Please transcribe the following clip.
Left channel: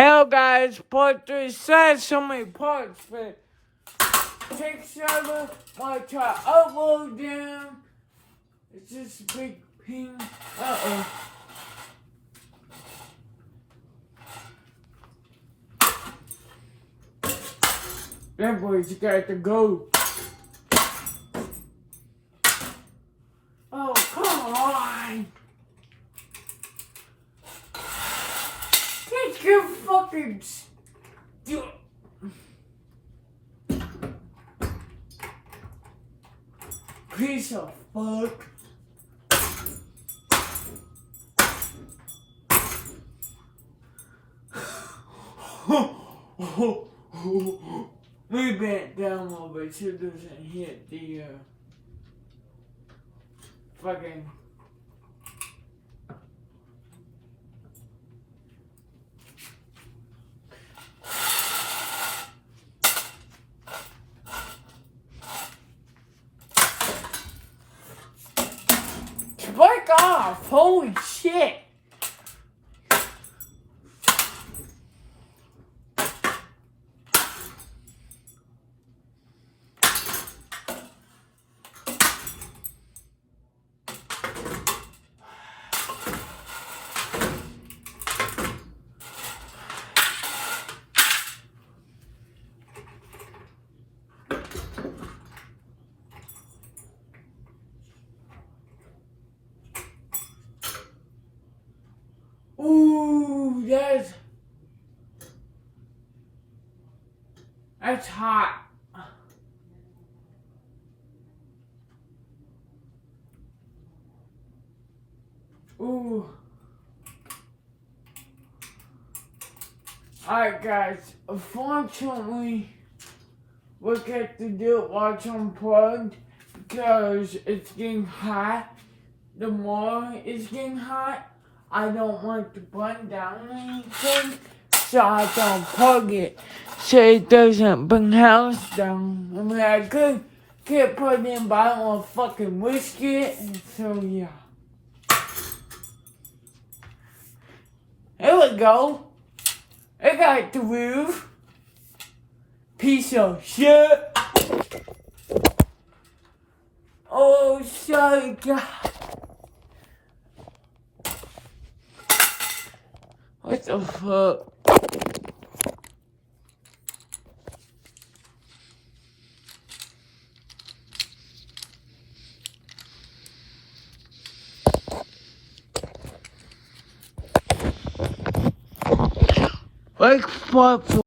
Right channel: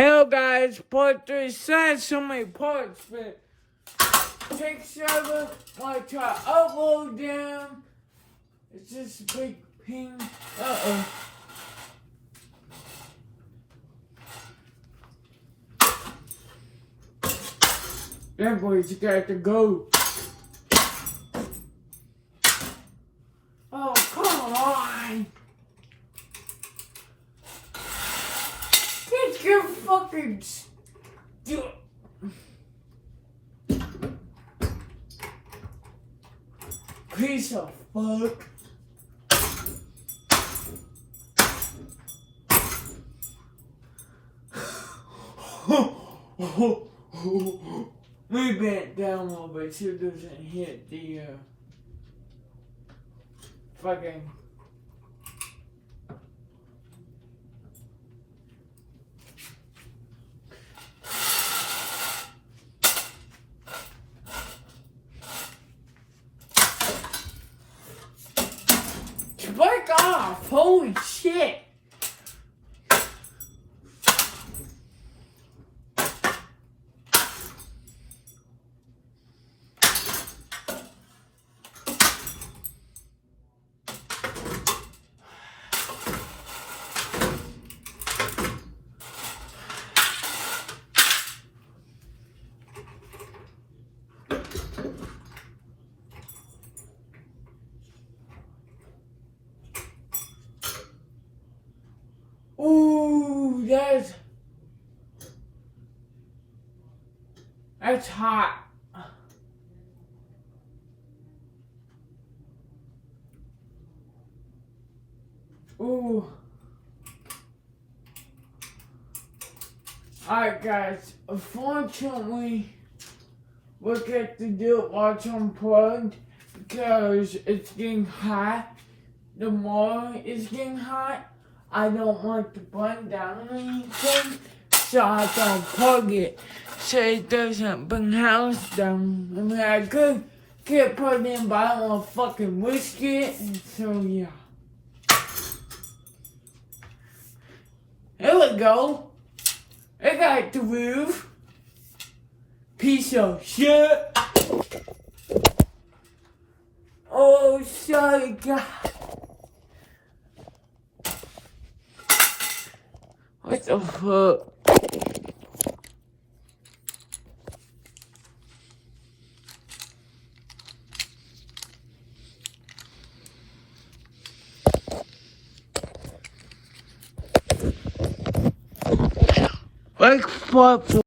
Hello guys, part 3 says so many parts, but take 7, I'll try to upload them. It's just a big ping. That boy's got to go. Oh, come on! Get your fucking piece of fuck. We bent down a little bit so it doesn't hit the fucking. Break off! Holy shit! Ooh, that's hot. Ooh. Alright guys, unfortunately, we'll get to do it while it's unplugged because it's getting hot. The more it's getting hot, I don't want to burn down anything, so I have to unplug it so it doesn't burn the house down. I mean, I could get put in, but I don't want to fucking risk it, and so yeah. Here we go. I got the roof. Piece of shit. Oh, sorry, God. What the fuck? Like fuck.